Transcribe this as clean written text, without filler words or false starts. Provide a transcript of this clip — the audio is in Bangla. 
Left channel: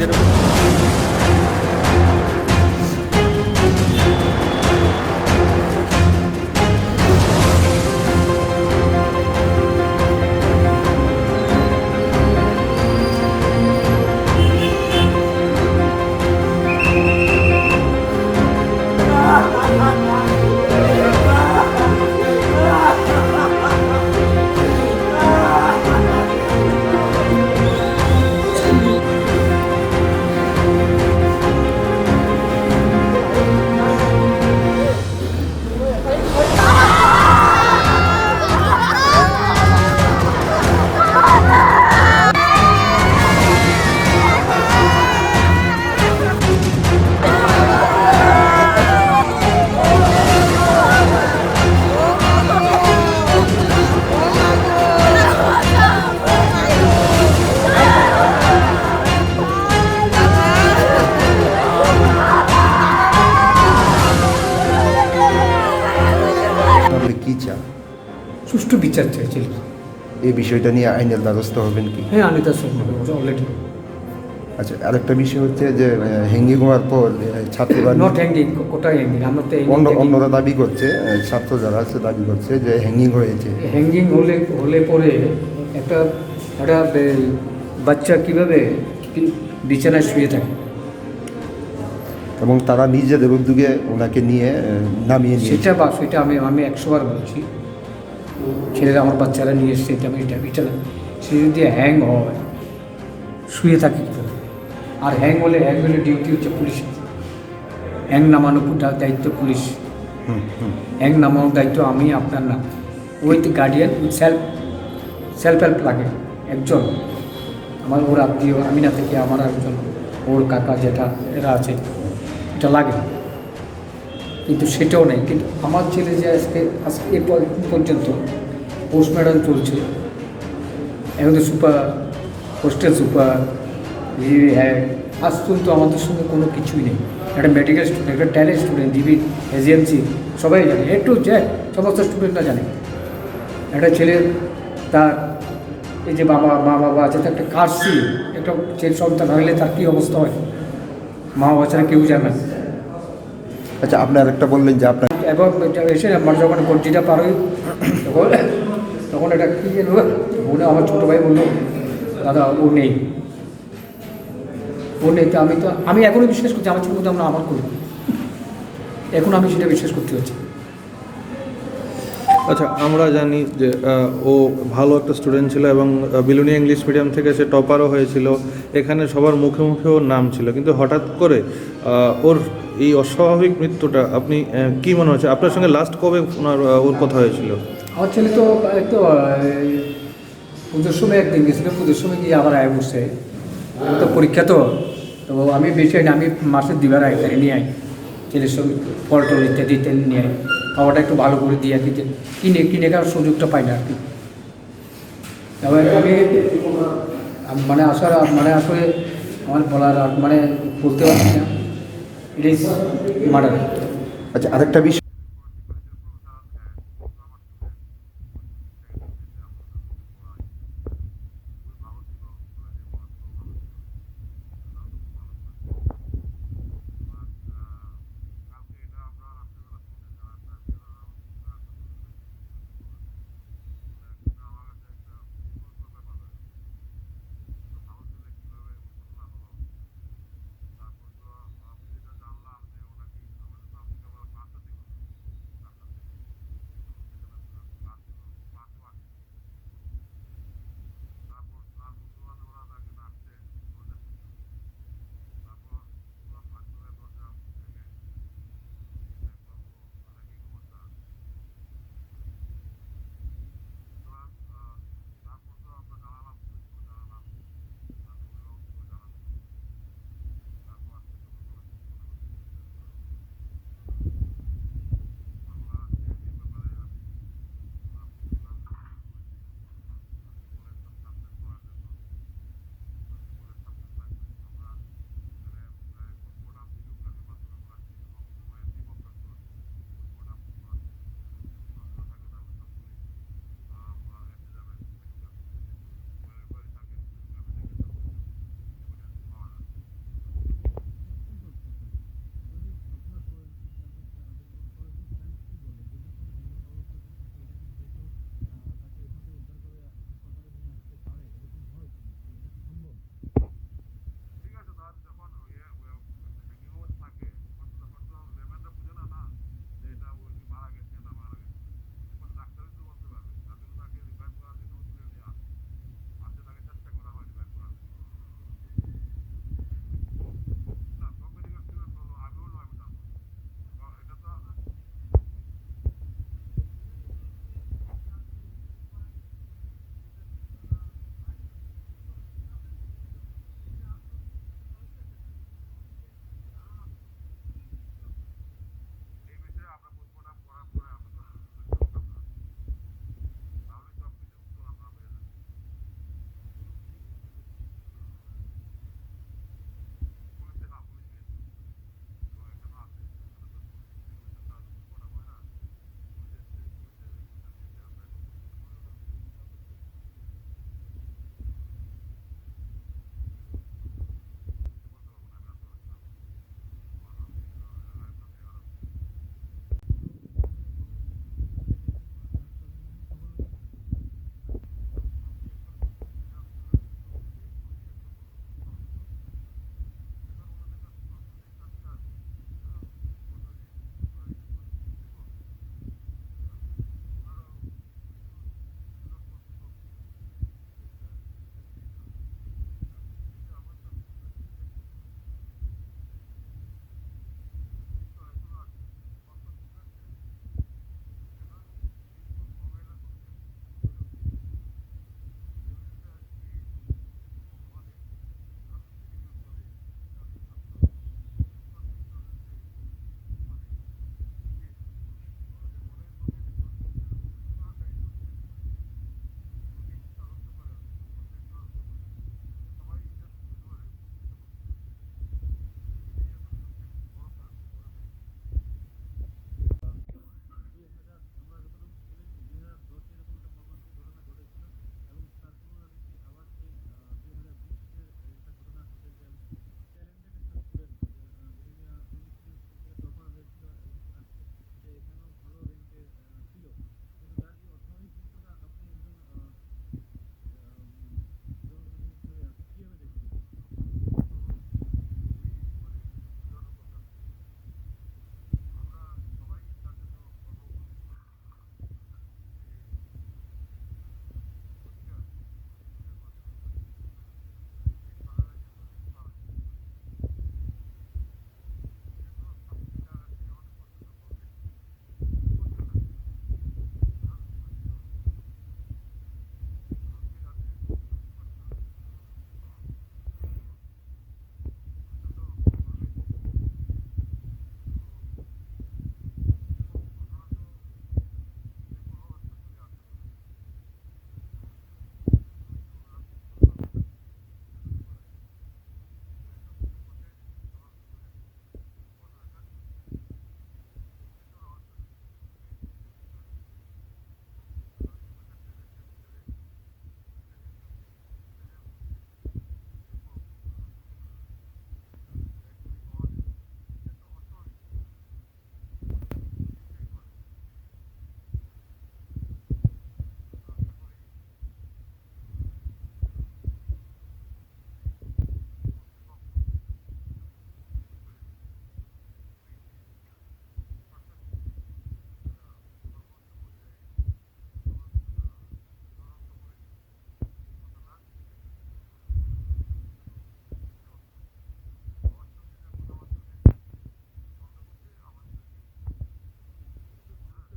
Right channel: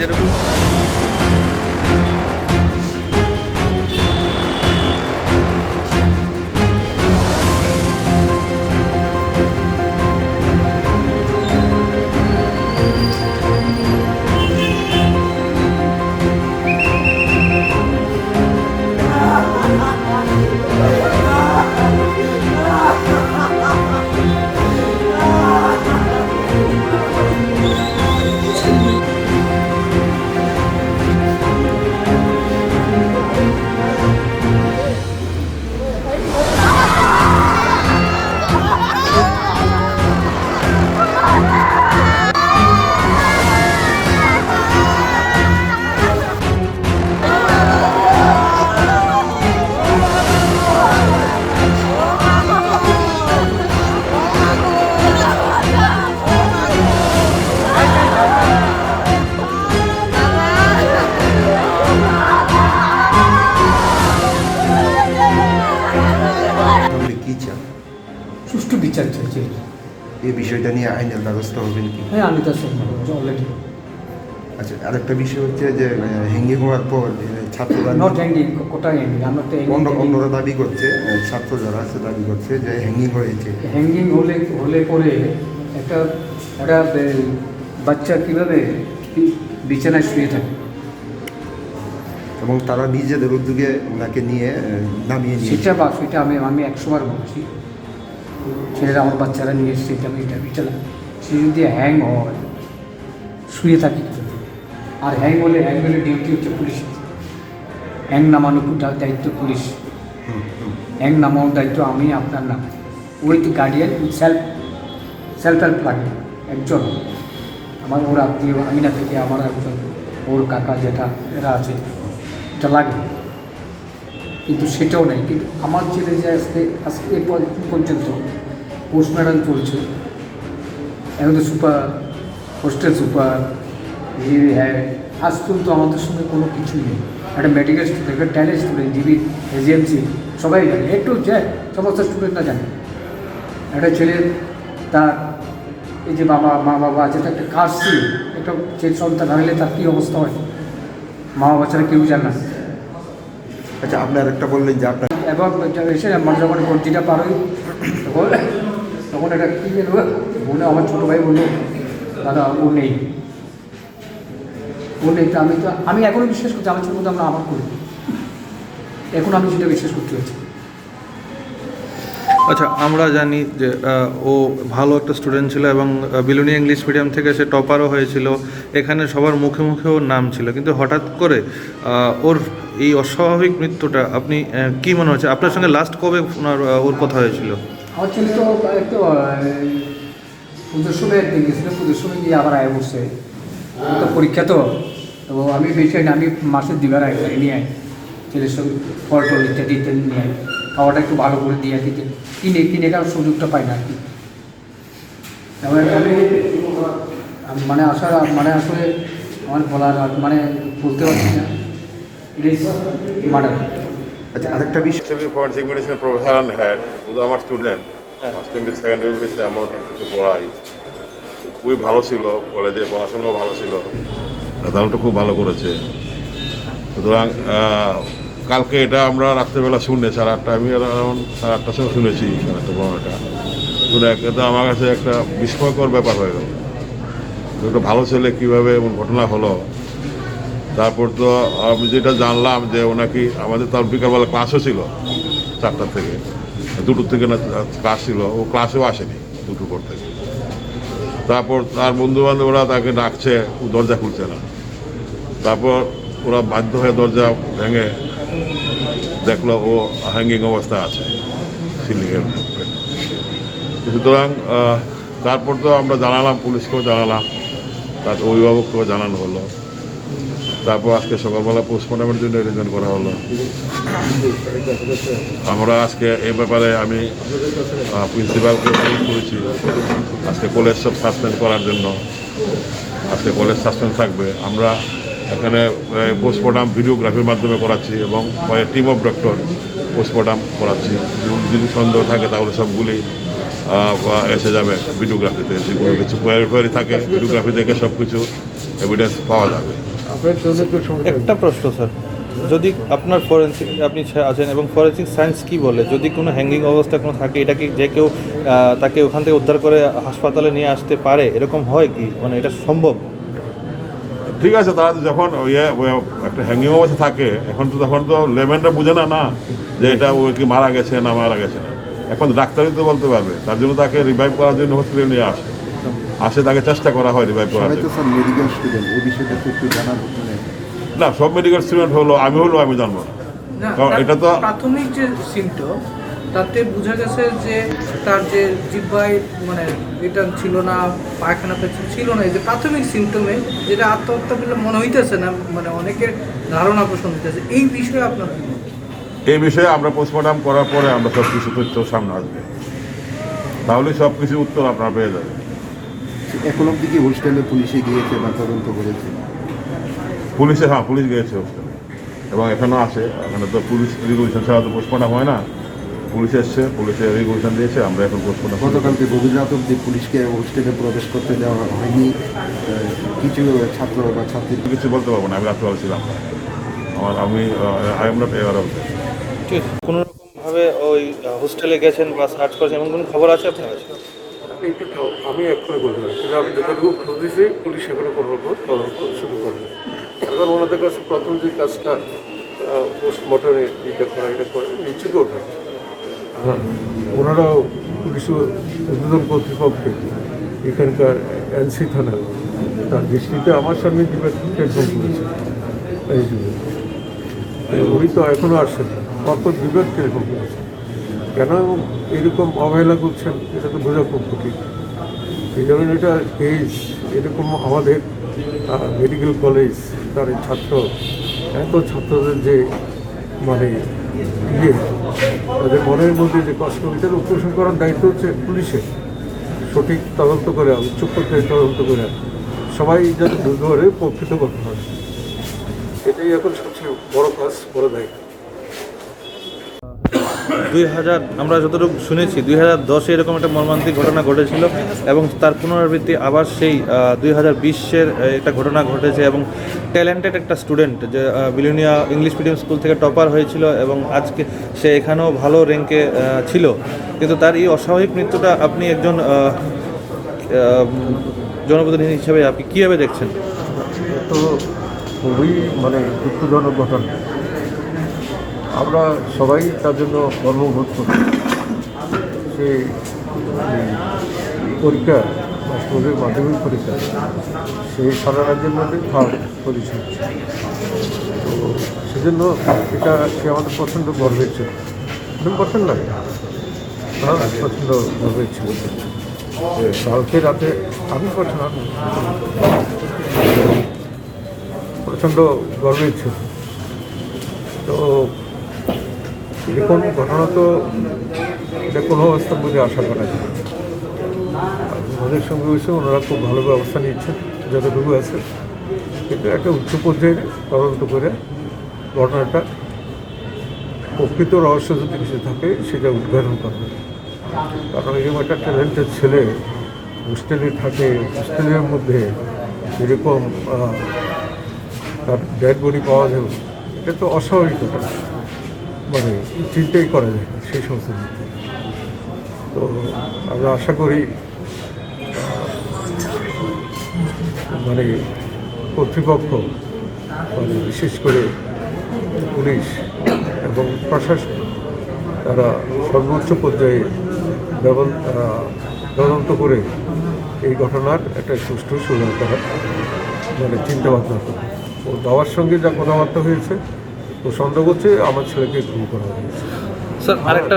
যেরকম কি চান? সুষ্ঠু বিচার চাইছে। এই বিষয়টা নিয়ে আইনের ব্যবস্থা হবেন কি? হ্যাঁ, আমি তার সঙ্গে অলরেডি। আচ্ছা, আরেকটা বিষয় হচ্ছে যে হ্যাঙ্গিং হওয়ার পর ছাত্ররা নট হ্যাঙ্গিং, কোথায় হ্যাঙ্গিং? আমরা তো অন্যরা দাবি করছে, ছাত্র যারা আছে দাবি করছে যে হ্যাঙ্গিং হয়েছে। হ্যাঙ্গিং হলে পরে একটা বাচ্চা কীভাবে বিছানায় শুয়ে থাকে, এবং তারা নিজেদের উদ্যোগে ওনাকে নিয়ে নামিয়ে নিয়ে সেটা আমি 100 বার বলছি। ছেলেরা আমার বাচ্চারা নিয়ে এসছে, আমি এটা বিছানা, সে যদি হ্যাং হয় শুয়ে থাকি, আর হ্যাং হলে ডিউটি হচ্ছে পুলিশ, হ্যাং নামানোর দায়িত্ব পুলিশ, হ্যাং নামানোর দায়িত্ব আমি, আপনার না। উইথ গার্ডিয়ান, সেলফ হেল্প লাগে একজন, আমার ওর আত্মীয়, আমি না থেকে আমার একজন, ওর কাকা যেটা এরা আছে, এটা লাগে। কিন্তু সেটাও নেই। কিন্তু আমার ছেলে যে আজকে পর্যন্ত পোস্টম্যাডাম চলছে, এখন তো সুপার, হোস্টেল সুপার, হ্যাঁ, আজ পর্যন্ত আমাদের সঙ্গে কোনো কিছুই নেই। একটা মেডিকেল স্টুডেন্ট, একটা ট্যালেন্ট স্টুডেন্ট, ডিবি এজেন্সি সবাই জানে, একটু যে সমস্ত স্টুডেন্টরা জানে। একটা ছেলের তার এই যে মা বাবা আছে, তার একটা কাশি, একটা ছেলে সন্তান হারালে তার কী অবস্থা হয়, মা বাবা ছাড়া কেউ জানে না। আচ্ছা, আপনি আরেকটা বললেন যে আপনার এবং এসে মানে যখন গঞ্জিটা পার হই তখন এটা কী বলে, আমার ছোটো ভাই বললো, দাদা ও নেই। তো আমি এখনও বিশ্বাস করছি, আমার ছোটো আমরা আমার করি, এখন আমি সেটা বিশ্বাস করতে পারছি। আচ্ছা, আমরা জানি যে ও ভালো একটা স্টুডেন্ট ছিল এবং বিলোনিয়া ইংলিশ মিডিয়াম থেকে সে টপারও হয়েছিল, এখানে সবার মুখে মুখে ওর নাম ছিল, কিন্তু হঠাৎ করে ওর এই অস্বাভাবিক মৃত্যুটা আপনি কী মনে হচ্ছে? আপনার সঙ্গে লাস্ট কবে ওর কথা হয়েছিল? আমার ছেলে তো একটু পুজোর সময় একদিন গেছিলো, পুজোর সময় গিয়ে আবার আয় বসছে, তো পরীক্ষা তো আমি বেশি না, আমি মাসের 2 বার আয় নিয়ে আয়, ছেলের সঙ্গে ফল টল ইত্যাদি নিয়ে আয়, খাওয়াটা একটু ভালো করে দিয়ে দিতে, কিনে খাওয়ার সুযোগটা পাই না আর কি। তারপরে আমি মানে আসলে আমার বলার মানে বলতে পারছি না, ইট ইজ মার্ডার। আচ্ছা, আরেকটা বিষয়, forensic medicine professor and head, শুধু আমার student, first year second year বেসে আমার কিছু পড়াই, খুবই ভালো ছিল, কলেজে পড়াশোনাও ভালো ছিল, রেজাল্টও খুব ভালো করেছে। সুতরাং কালকে এটা আমরা রাত্রেবেলা শুনে 8:30, আমি অ্যারাউন্ড 8:30 সময় শুনেছি একটা ঘটনাটা, শুনে একটা আমার কাছে একটা বিস্ময়কর ব্যাপার হয়ে গেল। একটা ভালো ছেলে কীভাবে এমন ঘটনা হলো। তারপর তো আমি যেটা জানলাম যে ওনাকে আমাদের তার বিকালবেলা ক্লাসও ছিল 4টা থেকে, 2টোর থেকে না ক্লাস ছিল, ও ক্লাসেও আসেনি 2টোর পর থেকে। তারপর তার বন্ধুবান্ধবরা তাকে ডাকছে, ও দরজা খুলছে না। তারপর ওরা বাধ্য হয়ে দরজা ভেঙে দেখলো ও হ্যাঙ্গিং অবস্থা আছে সিলিংয়ের। সুতরাং তারপর তো আমরা জানালাম, পুলিশকেও জানালাম, তার অভিভাবককেও জানানো হলো। তারপর আজকে সকালবেলা পোস্টমর্টমের জন্য অ্যারেঞ্জমেন্ট করা হলো। আমরা আজকে এই ব্যাপারে আমি প্রিন্সিপালকে ফোন করেছি, আজকে কলেজ সব সাসপেন্ড করার জন্য। আজকে কলেজ সাসপেন্ড থাকবে। আমরা এখানে পোস্টমর্টম ভিডিওগ্রাফির মাধ্যমে করাচ্ছি এবং টিম অফ ডক্টর পোস্টমর্টম করাচ্ছি। যদি সন্দেহ থাকে তাহলে সবগুলি এসে যাবে ভিডিওগ্রাফিতে, যে কোনো কিছু কোয়ারি থাকে ভিডিওগ্রাফি থেকে সব কিছু এভিডেন্স পাওয়া যাবে। একটা প্রশ্ন স্যার, যদি আপনার ফরেন্সিক আপনি আছেন এবং ফরেন্সিক সায়েন্স কি বলে, যদি কোনো হ্যাঙ্গিং অবস্থা কোনো থাকে, এটা কি যে কেউ তাকে ওখান থেকে উদ্ধার করে হাসপাতালে নিয়ে আসতে পারে, এরকম হয় কি, মানে এটা সম্ভব? ঠিক আছে, তারা যখন একটা হ্যাঙ্গিং অবস্থা থাকে, এখন তো তখন তো লেভেনটা বুঝে না না যে এটা ও কি মারা গেছে না মারা গেছে না। এখন ডাক্তারই তো বলতে পারবে, তার জন্য তাকে রিভাইভ করার জন্য হসপিটালে নিয়ে আসে তাকে চেষ্টা করা হয় রিভাইভ করার সবাই তো জন্য। স্যার মেডিকেল স্টুডেন্ট, এই বিষয়টা তো একটু জানার মানে না, সব মেডিকেল স্টুডেন্ট আমি জানবো না, না, কারণ তার এটা তো প্রাথমিক যে সিমটম তাতে বোঝা গেছে যে তার যে জিহ্বায় মানে এটা ছিল না, পায়খানাতে ছিল না, এই যে প্রাথমিক সিমটমে যেটা আত্মহত্যা বলে মনে হইতেছে না, মানে অনেকের ধারণা পোষণ হইতেছে। এই বিষয়ে আপনার কি মত? এই বিষয়ে আমরা পোস্টমর্টম করার পরে আমরা সব কিছু তথ্য সামনে আসবে, তাহলে সব কিছু উত্তর আপনারা পেয়ে যাবেন। এখন অব্দি কি হোস্টেলে পুলিশে গিয়েছে বা তদন্ত করেছে? পুলিশ গিয়েছে হোস্টেলে এবং এখানেও আসে। এখানে তো পুলিশ রেগুলেশন ছাড়া তো পোস্টমর্টম হয় না, পুলিশ এসছে, পুলিশে রেগুলেশন দিয়েছে, আমরা এখন পোস্টমর্টম। গতকালকে গভীর রাত অব্দি পুলিশকে হোস্টেলে প্রবেশ করতে দেওয়া হয়নি। কিছু ছাত্র বা ছাত্রী কিছু বলতে পারবো না, আমি রাত্রে ছিলাম না। আমি নট এওয়ার অফ। ঠিক আছে, কোনো রকমভাবে ওই হোস্টেলে গেছেন বা সার্চ করেছেন এমন কোনো খবর আছে আপনার কাছে? আমি এক্ষুনি বলতে পারি, কিন্তু আমি যতটুকু খোঁজ দিয়েছি পুলিশ এখনো কোনো রকম তদন্ত শুরু করেনি। এখন ওনাদের কাছে প্রথম যে কাজটা পোস্টমর্টমে এটা করে নিশ্চিত ওঠে। হ্যাঁ, ওনারাও পুলিশ উদ্বোধন কর্তৃপক্ষে এখানকার এনসি থানা তার দৃষ্টিতে আমার সামনে টেলিফোন করেছে এই যুগে। উনি তো এখনও আসছেন, কত বিবেক টেলিফোন করেছে, কেন এরকম অবহেলা করছেন এটা তো বোঝা খুব কঠিন। এই জন্য এটা কেস এরকম আমাদের মেডিকেল কলেজ তার ছাত্রদের যে মানে তাদের মনের মধ্যে যে কষ্ট, এটার উপশম করার দায়িত্ব হচ্ছে পুলিশের। সঠিক তদন্ত করে উচ্চ পর্যায়ে তদন্ত করে সবাই যাতে দুর্ঘরে প্রকৃত করতে হয়, এটাই এখন সবচেয়ে বড় কাজ, বড় দায়িত্ব। 2000 আমরা যতটুকু শুনেছি 2010-এ এরকম একটা মর্মান্তিক ঘটনা ঘটেছিল এবং তার পুনরাবৃত্তি আবার সেই 2020-এর একটা ঘটনা ঘটেছে এবং ট্যালেন্টেড একটা স্টুডেন্ট যে বিলোনিয়া ইংলিশ মিডিয়াম স্কুল থেকে টপার হয়েছিল এবং আজকে সে এখানেও ভালো র্যাঙ্কে ছিল, কিন্তু তার এই অস্বাভাবিক মৃত্যুটা আপনি একজন জনপ্রতিনিধি হিসেবে আপনি কীভাবে দেখছেন? তো খুবই মানে দুঃখজনক ঘটনা, আমরা সবাই তার জন্য গর্ববোধ করি। সে পরীক্ষা বা স্কুলের মাধ্যমিক পরীক্ষা সেই সারা রাজ্যের মধ্যে থার্ড পজিশন, তো সেজন্য এটা সে আমাদের প্রচণ্ড গর্বের ছিল। তুমি পছন্দ লাগে প্রচণ্ড গর্বের ছিল। কালকে রাতে আমি প্রচণ্ড গর্বের ছিল। তো এরকম ঘটনা তো এটা কোনো অবস্থার মধ্যে আশা করা যায় না। ওদের সঙ্গে হয়েছে, ওনারা খুব ভালো ব্যবস্থা নিচ্ছেন যতটুকু আছে, কিন্তু একটা উচ্চ পর্যায়ে তদন্ত করে ঘটনাটা প্রকৃত রহস্য যদি কিছু থাকে সেটা উদ্ঘাটন করবে। কারণ এরকম একটা ট্যালেন্টেড ছেলে হোস্টেলে থাকে, হোস্টেলের মধ্যে এরকম তার ডেড বডি পাওয়া যাবে, এটা তো অস্বাভাবিক ঘটনা, মানে চিন্তাই করা যায় সেই সমস্ত। তো আমরা আশা করি মানে কর্তৃপক্ষ, মানে বিশেষ করে পুলিশ এবং প্রশাসন, তারা সর্বোচ্চ পর্যায়ে তদন্ত করে এই ঘটনার একটা সুষ্ঠু সমাধান করার মানে চিন্তাভাবনা করে। ও বাবার সঙ্গে যা কথাবার্তা হয়েছে, ও সন্দেহ করছে আমার ছেলেকে খুন করা হয়েছে। স্যার আরেকটা